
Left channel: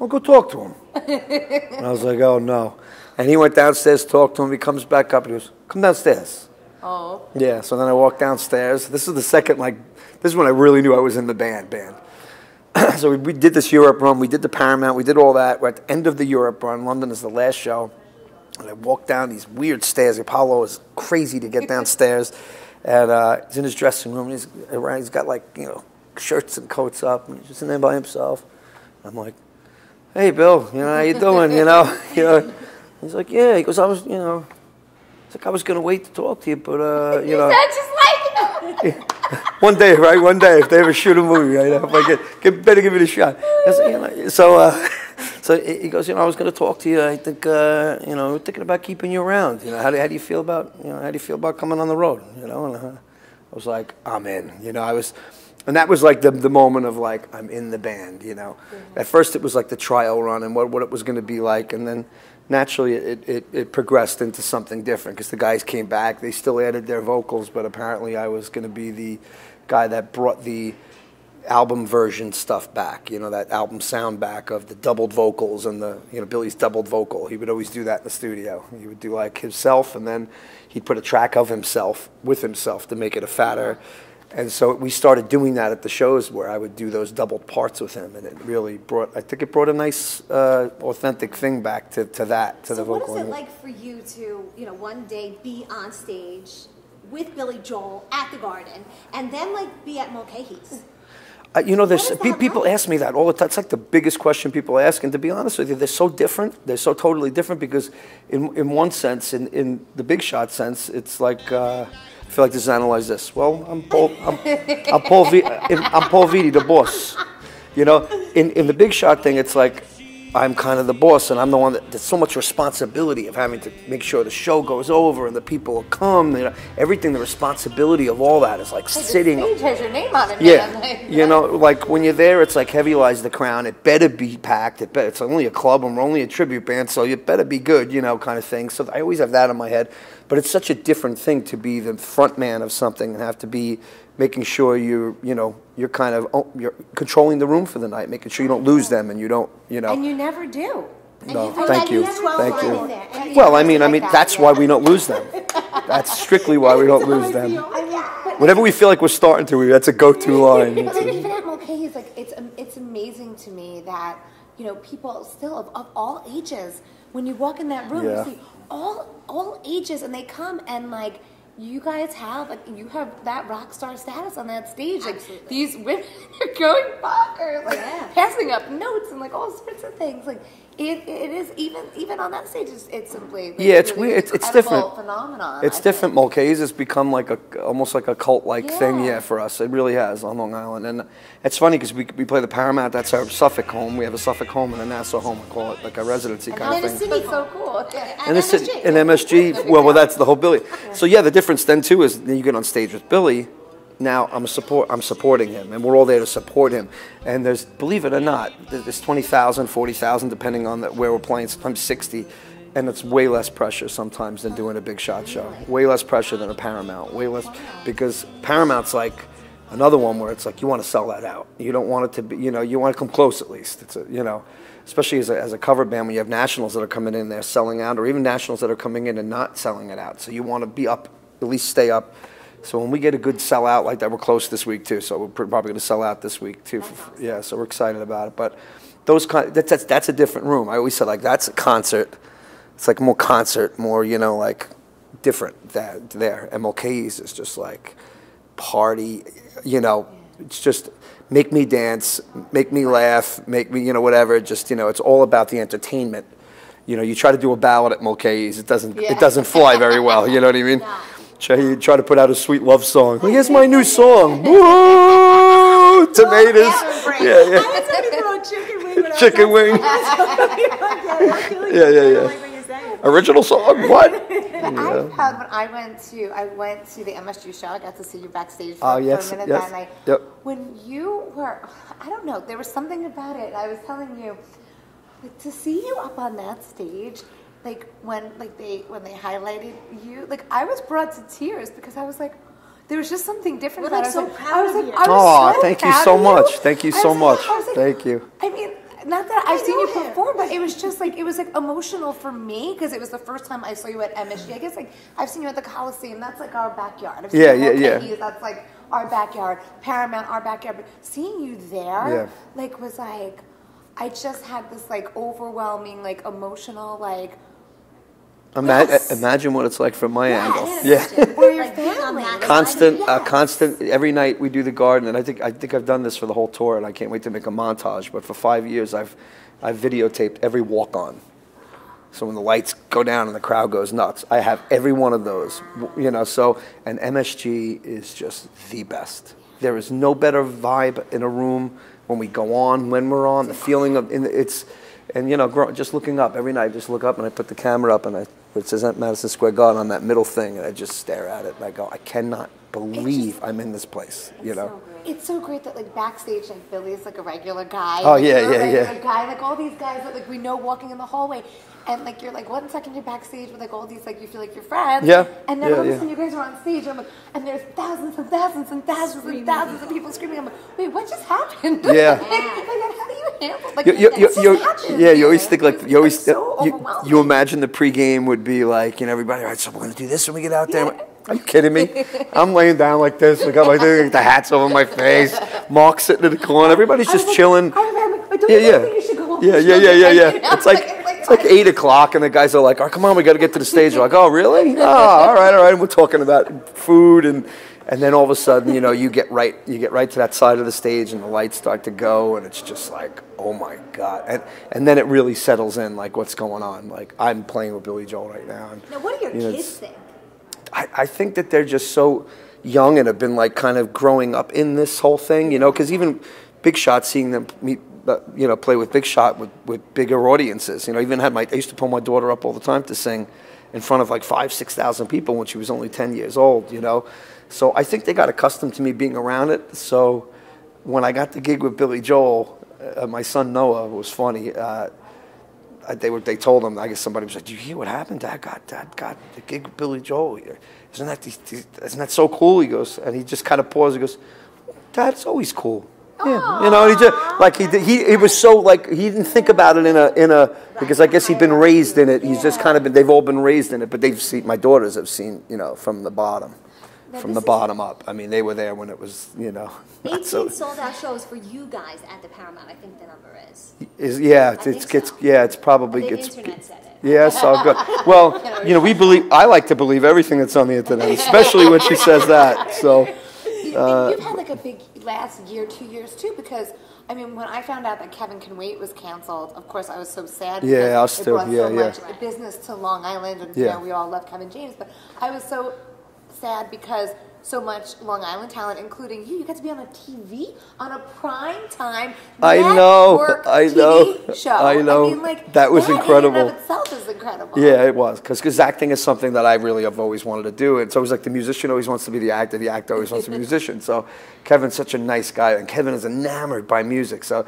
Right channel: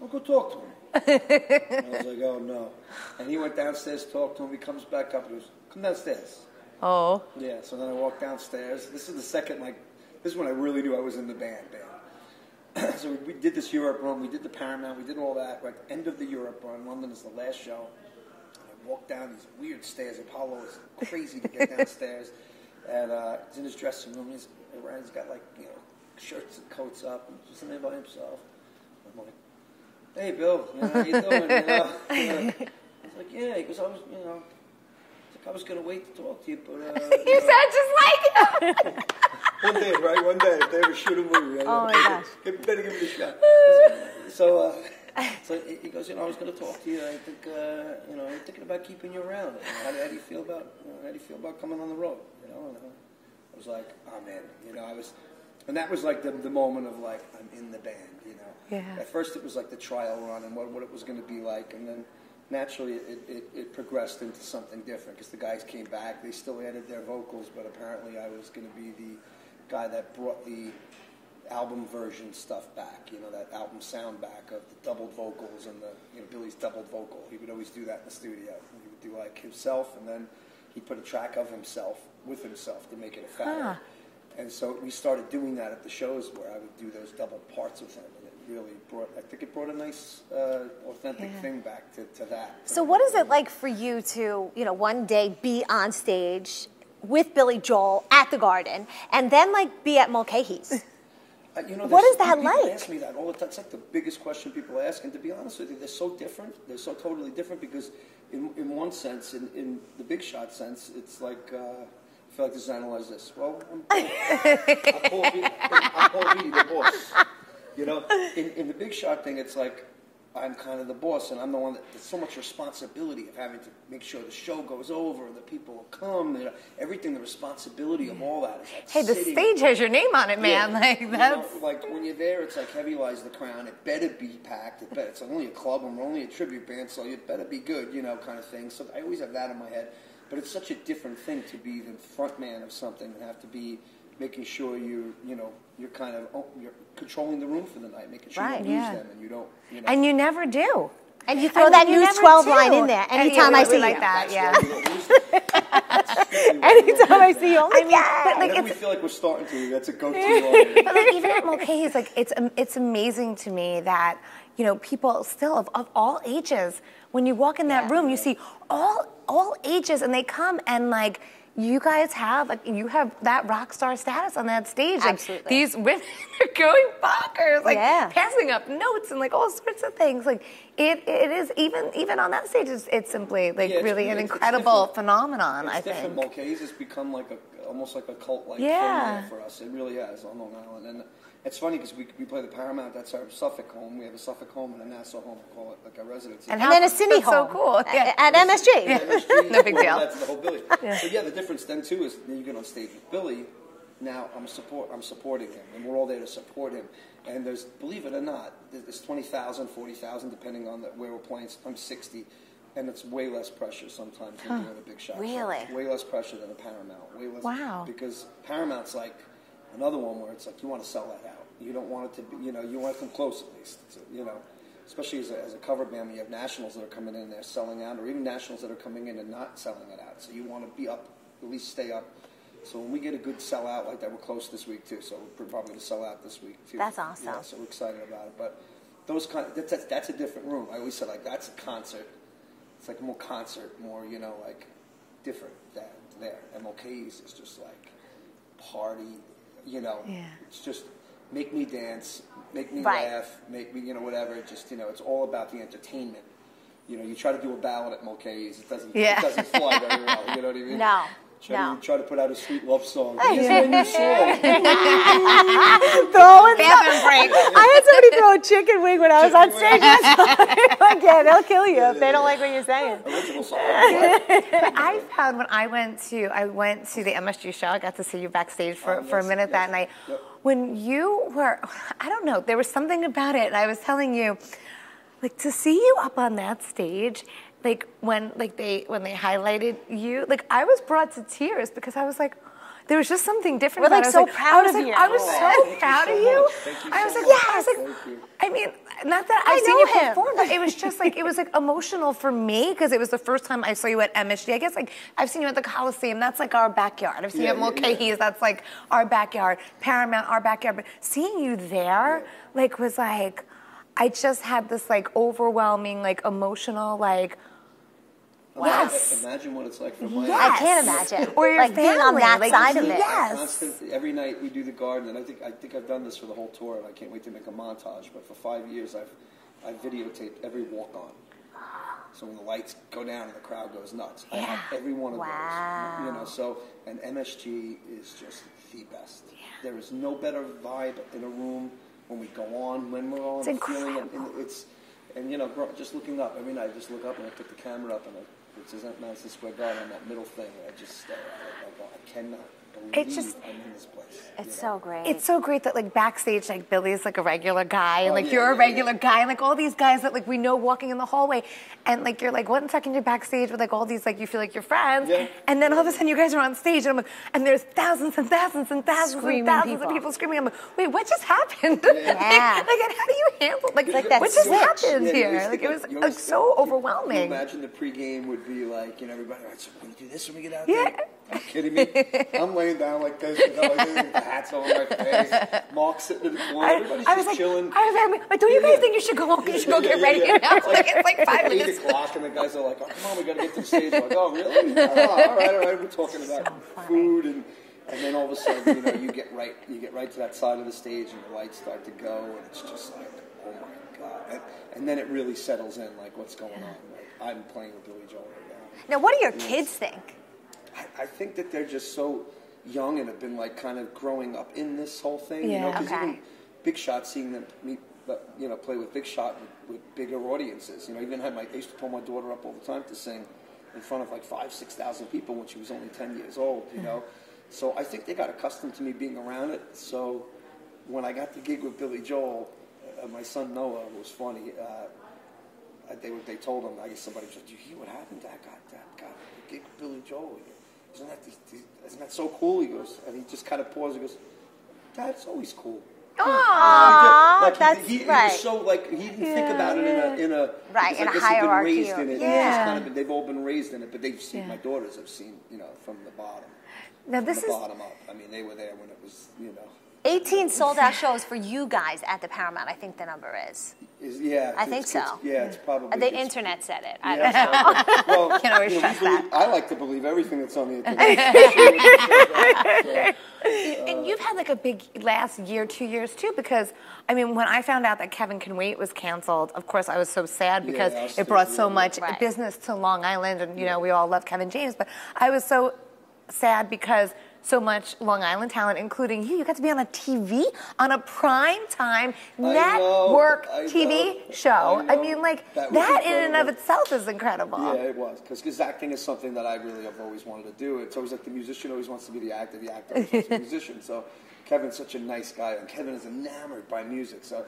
I'll go talk to him. And I was like, oh, no. And he went downstairs, talked to him. He comes back up, and he goes, come downstairs. Oh. Yeah, so then I walked downstairs. This is the second, this is when I really knew I was in the band. So we did this Europe run. We did the Paramount. We did all that. We're at the end of the Europe run. London is the last show. And I walked down these weird stairs. The Apollo is crazy to get downstairs. And he's in his dressing room. And he's got shirts and coats up. And he's just in there by himself. I'm like, hey, Bill, how you doing? He's like, yeah. He goes, I was going to wait to talk to you, but, He said just like him. One day, right? One day, if they ever shoot a movie, right? Better give it a shot. So he goes, I was going to talk to you. I think, we're thinking about keeping you around. How do you feel about, coming on the road? And I was like, I'm in. And that was like the moment of like, I'm in the band, you know. Yeah. At first it was like the trial run and what it was going to be like, and then naturally it progressed into something different because the guys came back. They still added their vocals, but apparently I was going to be the guy that brought the album version stuff back, you know, that album sound back of the doubled vocals and the, you know, Billy's doubled vocal. He would always do that in the studio. He would do like himself, and then he'd put a track of himself with himself to make it a fatter. And so we started doing that at the shows where I would do those doubled parts with him, and it really brought, I think it brought a nice, authentic thing back to that. So what is it like for you to, you know, one day be on stage with Billy Joel at the Garden, and then like be at Mulcahy's? You know, people ask me that all the time. It's like the biggest question people ask, and to be honest with you, they're so different. They're so totally different because in one sense, in the big shot sense, it's like, I feel like this is analyze this. Well, I'm Paul Vitti, the boss. You know, in the big shot thing, it's like I'm kind of the boss, and I'm the one there's so much responsibility of having to make sure the show goes over and the people come. You know, everything, the responsibility of all that is like sitting. The stage has your name on it, man. Yeah, like, you know, like when you're there, it's like heavy lies the crown. It better be packed. It's only a club, and we're only a tribute band, so you better be good, you know, kind of thing. So I always have that in my head. But it's such a different thing to be the front man of something and have to be making sure you're kind of you're controlling the room for the night, making sure you don't lose them, and you don't, you know. And you never do. And you throw that new 12 line in there. Well, I mean, that's why we don't lose them. That's strictly why we don't lose them. Whenever we feel like we're starting to, that's a go-to line. But even at Mulcahy's, like it's amazing to me that, you know, people still of all ages, when you walk in that room, you see all ages, and they come and like. You guys have that rock star status on that stage. Absolutely. Like these women are going bonkers, like passing up notes and like all sorts of things. Like it is even on that stage. It's simply like really an incredible phenomenon. It's different. Mulcahy's has become like almost like a cult-like thing, for us. It really has on Long Island, and it's funny because we play the Paramount. That's our Suffolk home. We have a Suffolk home and a Nassau home. We call it like a residency. And then a city home. So cool. And MSG. And MSG. well, that's the whole Billy. So the difference then too is then you get on stage with Billy. Now I'm supporting him, and we're all there to support him. And there's, believe it or not, there's 20,000, 40,000, depending on where we're playing. Sometimes 60, and it's way less pressure sometimes than doing a big shot show. Way less pressure than a Paramount. Way less because Paramount's like another one where it's like you want to sell that out. You don't want it to be, you know, you want to come close at least. It's you know, especially as a cover band when you have nationals that are coming in there selling out, or even nationals that are coming in and not selling it out. So you want to be up, at least stay up. So when we get a good sellout like that, we're close this week too. So we're probably going to sell out this week too. That's awesome. Yeah, so we're excited about it. But those that's a different room. I always said like that's a concert. It's like more concert, more like different there. And Mulcahy's is just like party. It's just make me dance, make me laugh, make me whatever. Just it's all about the entertainment. You try to do a ballad at Mulcahy's, it doesn't fly very well. You know what I mean? No. You try to put out a sweet love song. Here's my new song. Woo! Tomatoes. I had somebody throw a chicken wing when I was on stage. They'll kill you if they don't like what you're saying. Original song? What? I found when I went to the MSG show, I got to see you backstage for a minute that night. Yep. When you were, I don't know, there was something about it, and I was telling you, like to see you up on that stage. Like when they highlighted you, like I was brought to tears because I was like, there was just something different. We're like so proud of you. Oh, thank you so much. Thank you so much. Thank you. I mean, not that I've seen you perform, but it was just like it was like emotional for me because it was the first time I saw you at MSG. I guess like I've seen you at the Coliseum. That's like our backyard. I've seen you at Mulcahy's. That's like our backyard. Paramount, our backyard. But seeing you there, like was like, I just had this like overwhelming like emotional like. Imagine what it's like from my end. I can't imagine. Or like being on that constant. Every night we do the Garden, and I think I've done this for the whole tour, and I can't wait to make a montage. But for 5 years, I've videotaped every walk-on. So when the lights go down and the crowd goes nuts, I have every one of those. So and MSG is just the best. There is no better vibe in a room when we go on, when we're on. The feeling of and just looking up every night, just look up and I put the camera up and it says Madison Square Garden on that middle thing, and I just stare at it and I go, I cannot believe I'm in this place. It's You know? so great. It's so great that like backstage, like Billy's like a regular guy. Oh, like, yeah, you're yeah, a regular yeah. guy. Like all these guys that like we know walking in the hallway. And like you're like 1 second you're backstage with like all these like you feel like you're friends. Yeah. And then Yeah, all of a yeah. sudden you guys are on stage and I'm like, and there's thousands and thousands and thousands Screaming and thousands people. of people screaming. I'm like, wait, what just happened? Yeah. like, and how do you handle like You- that? you- What you- just you- happened yeah, you here? always think like It was, you always so you overwhelming. imagine the pregame would be like, you know, everybody, all right, so we're gonna do this when we get out there. Yeah. Are you kidding me? I'm laying down like this, I got the hats over my face. Mark's sitting in the corner, everybody's just chilling. Don't you really think you should go home? Yeah. It's like 8 o'clock, and the guys are like, "Oh, come on, we got to get to the stage." We're like, "Oh, really? Oh, all right." And we're talking about food, and then all of a sudden, you know, you get right to that side of the stage, and the lights start to go, and it's just like, oh my God, and then it really settles in, like what's going on. Like I'm playing with Billy Joel right now. And, Now, what do your you know, kids think? I think that they're just so young and have been like kind of growing up in this whole thing, you know, because even Big Shot, seeing them meet, you know, play with Big Shot with bigger audiences, you know, even I used to pull my daughter up all the time to sing in front of like 5,000-6,000 people when she was only 10 years old, you know. So I think they got accustomed to me being around it. So when I got the gig with Billy Joel, my son Noah, was funny. They told him, I guess somebody was like, "Do you hear what happened? Dad got the gig with Billy Joel. Isn't that so cool?" He goes, and he just kind of paused. He goes, "Dad, it's always cool." Yeah. You know, he just like he was so like he didn't think about it in a because I guess he'd been raised in it. He's just kind of been. They've all been raised in it, but they've seen, my daughters have seen, you know, from the bottom. From the bottom up. I mean, they were there when it was, you know. 18 sold-out shows for you guys at the Paramount, I think the number is. It's probably. The internet said it. Yeah, so good. Well, you know, I like to believe everything that's on the internet, especially when she says that. So. And you've had like a big last year, 2 years too, because I mean, when I found out that Kevin Can Wait was canceled, of course I was so sad because it brought so much business to Long Island, and you know we all love Kevin James, but I was so sad because so much Long Island talent, including you got to be on a TV, on a prime time network TV show. I know. I mean, like, that was incredible. In and of itself is incredible. Yeah, it was, because acting is something that I really have always wanted to do. It's always like the musician always wants to be the actor always wants to be a musician. So Kevin's such a nice guy, and Kevin is enamored by music. So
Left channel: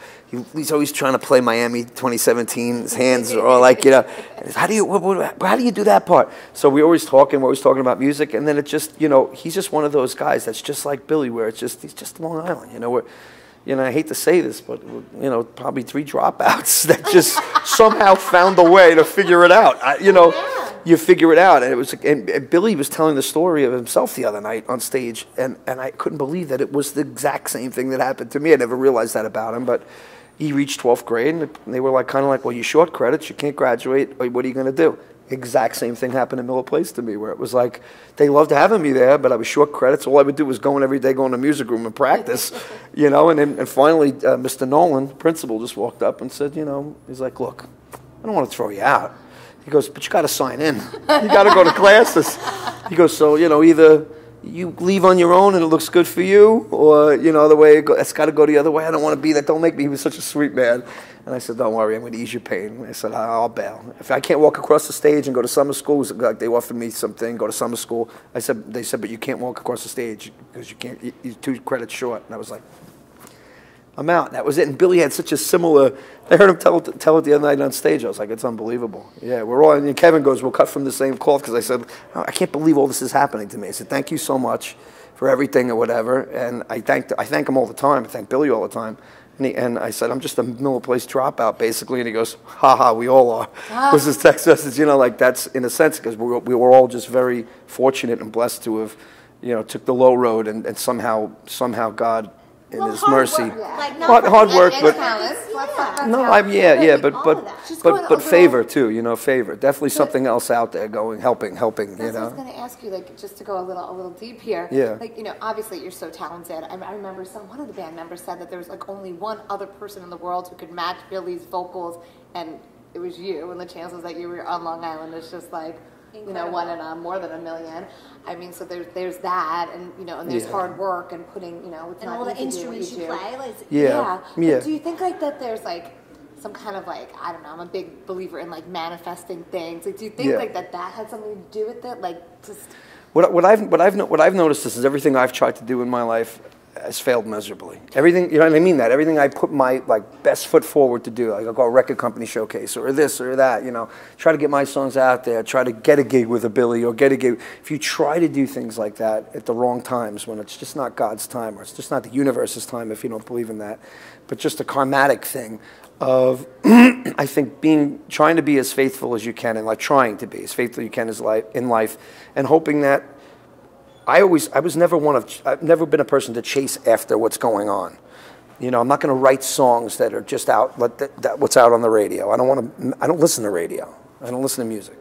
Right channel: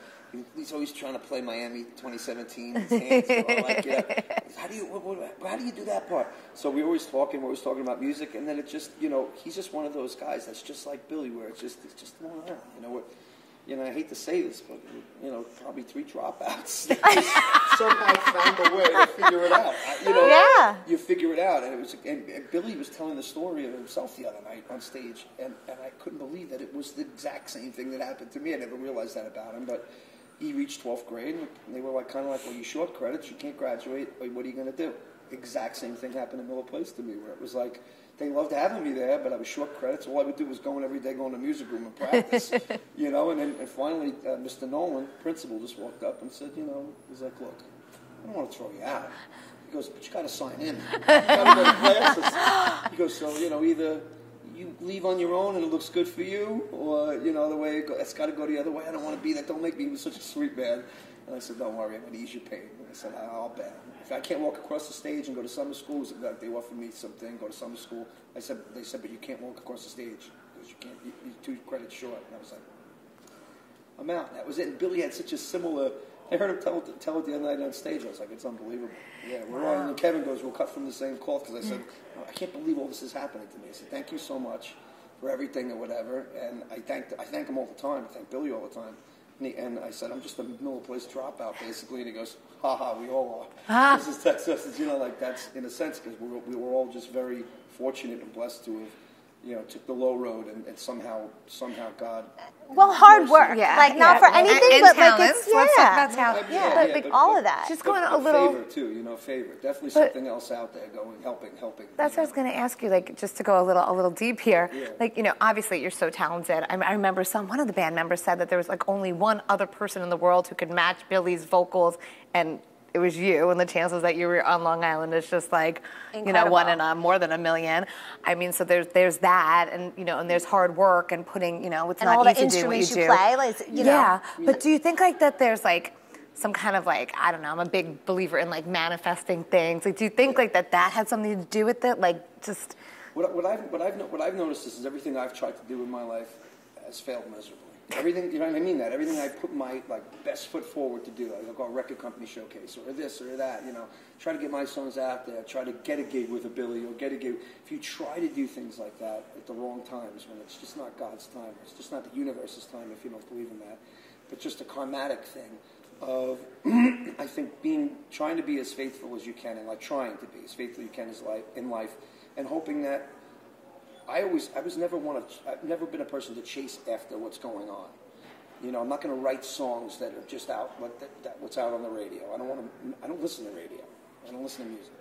he's always trying to play Miami 2017. His hands are like, you know, how do you do that part? So we're always talking about music, and then it just, you know, he's just one of those guys that's just like Billy, where he's just Long Island, you know, where, you know, I hate to say this, but, you know, probably 3 dropouts that just somehow found a way to figure it out. You know, you figure it out. And Billy was telling the story of himself the other night on stage, and I couldn't believe that it was the exact same thing that happened to me. I never realized that about him, but he reached 12th grade, and they were like, kind of like, well, you short credits, you can't graduate, what are you going to do? Exact same thing happened in Miller Place to me, where it was like, they loved having me there, but I was short credits. All I would do was go in every day, go in the music room and practice, you know. And finally, Mr. Nolan, principal, just walked up and said, you know, he's like, look, I don't want to throw you out. He goes, but you got to sign in. You got to go to classes. He goes, so, you know, either you leave on your own and it looks good for you, or, you know, the way it's got to go the other way. I don't want to be that. Don't make me. He was such a sweet man. And I said, don't worry, I'm going to ease your pain. I said, I'll bail. If I can't walk across the stage and go to summer school, like they offered me something, go to summer school. They said, but you can't walk across the stage because you're 2 credits short. And I was like, I'm out. That was it. And Billy had such a similar, I heard him tell it the other night on stage. I was like, it's unbelievable. Yeah, we're all, and Kevin goes, we'll cut from the same cloth, because I said, I can't believe all this is happening to me. I said, thank you so much for everything or whatever. And I thank him all the time. I thank Billy all the time. And I said, I'm just a Miller Place dropout, basically. And he goes, ha, we all are. This is text message, you know, like that's in a sense, because we were all just very fortunate and blessed to have, you know, took the low road, and somehow God, in His mercy. Work. Yeah. Like not hard work, and but talent. but favor too, you know, favor. Definitely something else out there helping. That's you know? what I was going to ask you, like, just to go a little deep here. Yeah. Like, you know, obviously you're so talented. I remember one of the band members said that there was like only one other person in the world who could match Billy's vocals, and it was you, and the chances that you were on Long Island is just like, incredible. You know, 1 in more than a million. I mean, so there's that, and you know, and there's hard work and putting, you know, it's and not all easy the instruments to do you what you play. do. Yeah. But do you think like that there's like some kind of like, I don't know, I'm a big believer in like manifesting things. Like, do you think like that had something to do with it? Like, just What I've noticed is everything I've tried to do in my life has failed miserably. Everything, you know what I mean? That everything I put my best foot forward to do, like I'll go a record company showcase or this or that, you know, try to get my songs out there, try to get a gig with a Billy or get a gig. If you try to do things like that at the wrong times, when it's just not God's time or it's just not the universe's time, if you don't believe in that, but just a karmatic thing of, I think, trying to be as faithful as you can, and like trying to be as faithful as you can in life, and hoping that. I've never been a person to chase after what's going on. You know, I'm not going to write songs that are just out, what's out on the radio. I don't listen to radio. I don't listen to music.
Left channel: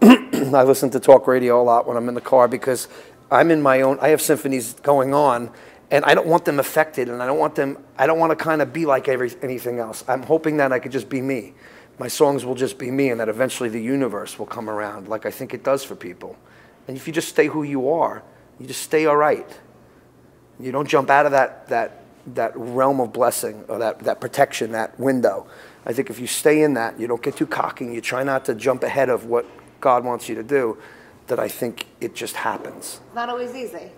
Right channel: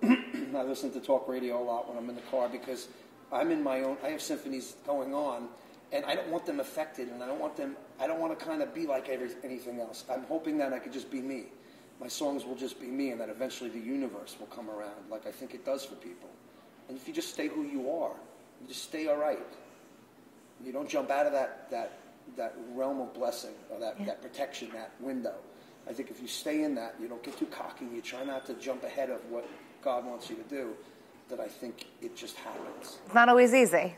I listen to talk radio a lot when I'm in the car because I'm in my own, I have symphonies going on, and I don't want them affected, and I don't want to kind of be like anything else. I'm hoping that I could just be me. My songs will just be me, and that eventually the universe will come around like I think it does for people. And if you just stay who you are, you just stay all right. You don't jump out of that realm of blessing or that protection, that window. I think if you stay in that, you don't get too cocky, you try not to jump ahead of what God wants you to do, that I think it just happens. It's not always easy.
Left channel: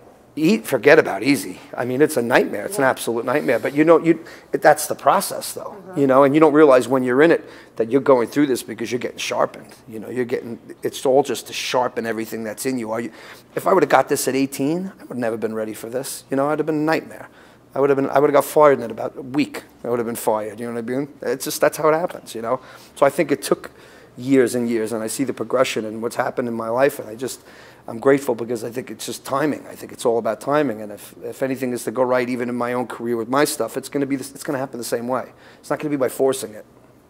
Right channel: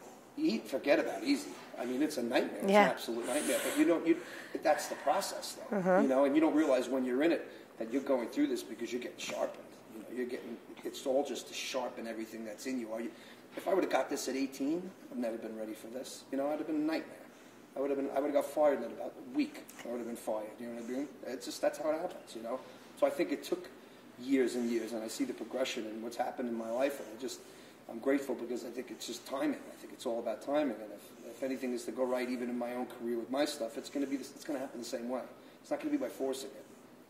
Forget about easy. I mean, it's a nightmare. It's an absolute nightmare. But that's the process, though. You know, and you don't realize when you're in it that you're going through this because you're getting sharpened. You know, it's all just to sharpen everything that's in you. If I would have got this at 18, I would have never been ready for this. You know, I'd have been a nightmare. I would have got fired in about a week. I would have been fired. You know what I mean? It's just, that's how it happens, you know? So I think it took years and years, and I see the progression and what's happened in my life, and I'm grateful because I think it's just timing. I think it's all about timing, and if anything is to go right, even in my own career with my stuff, it's going to happen the same way. It's not going to be by forcing it.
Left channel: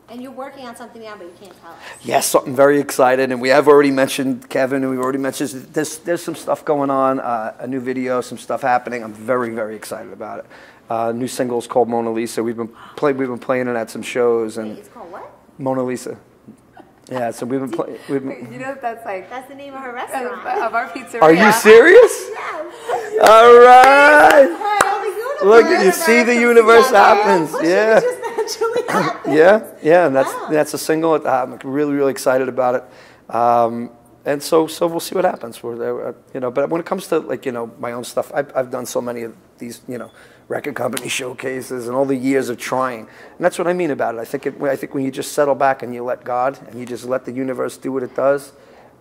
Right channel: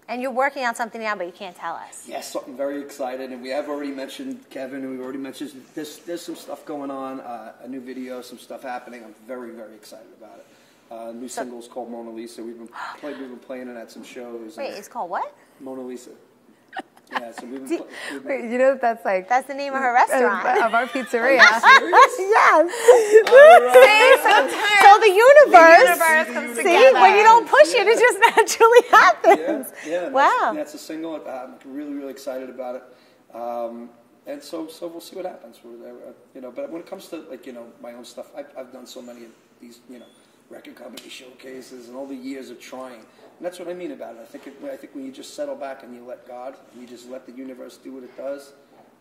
And you're working on something now, but you can't tell us. Yes, something very excited, and we have already mentioned Kevin, and we've already mentioned there's some stuff going on, a new video, some stuff happening. I'm very, very excited about it. New single is called Mona Lisa. We've been playing it at some shows. And wait, it's called what? Mona Lisa. Yeah, so we've been You know, that's the name of her restaurant. Of our pizzeria. Are you serious? Yes. All right. So the universe. Look, you see the universe happens. You don't push it, it just naturally happens. Yeah, and that's a single. I'm really, really excited about it. And so we'll see what happens. But when it comes to my own stuff, I've done so many of these, record company showcases and all the years of trying. And that's what I mean about it. I think when you just settle back and you let God and you just let the universe do what it does,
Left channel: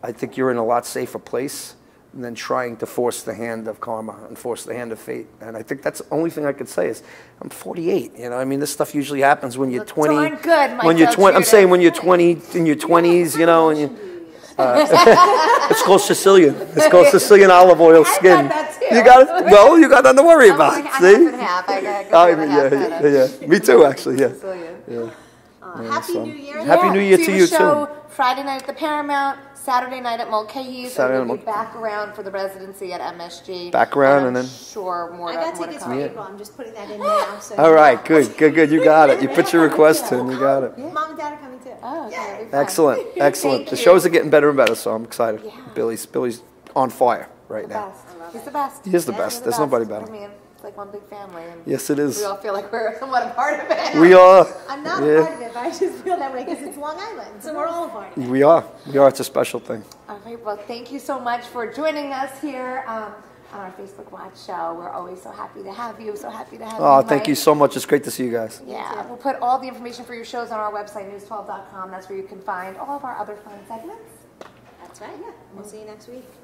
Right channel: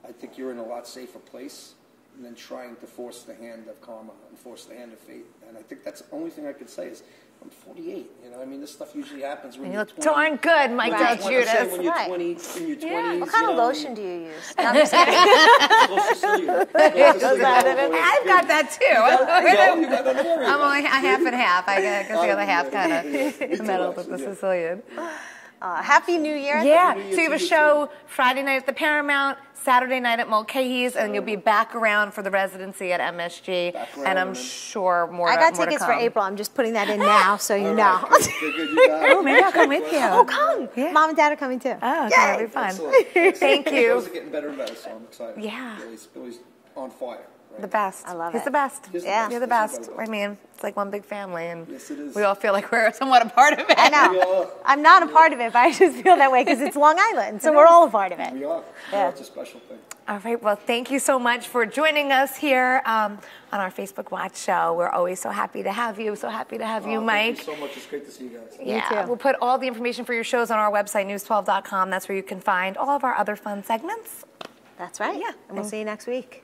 I think you're in a lot safer place than trying to force the hand of karma and force the hand of fate. And I think that's the only thing I could say is I'm 48. I mean, this stuff usually happens when you're 20. Darn good, Mike. When you're 20, I'm saying when you're 20, in your 20s, What kind of lotion do you use? It's called Sicilian. It's called Sicilian olive oil skin. I got that too. You got it? Well, you got nothing to worry about. I'm like half See? and half. I got half. Yeah. Me too, actually. Yeah. Sicilian. Happy New Year. Happy New Year to you, show too. Friday night at the Paramount, Saturday night at Mulcahy's, and you'll be back around for the residency at MSG. Back around, and and then sure more. I got more to tickets for come. April. I'm just putting that in now, so you all right, know. good. You got it. You put your request in. You got it. Yeah. Mom and Dad are coming too. Oh, okay, that'll be fun. Excellent. Thank The you. shows are getting better and better, so I'm excited. Yeah. Billy's on fire right The now. best. I love He's it. the best. He is the best. You're the There's best. nobody better. I mean, it's like one big family, and Yes, it is. we all feel like we're somewhat a part of it. I know. We are. I'm not a part of it, but I just feel that way because it's Long Island, so we're all a part of it. We are. It's a special thing. All right, well, thank you so much for joining us here on our Facebook Watch show. We're always so happy to have you. So happy to have you, Mike. Thank you so much. It's great to see you guys. Yeah, too. we'll put all the information for your shows on our website, news12.com. That's where you can find all of our other fun segments. That's right. Yeah. And we'll see you next week.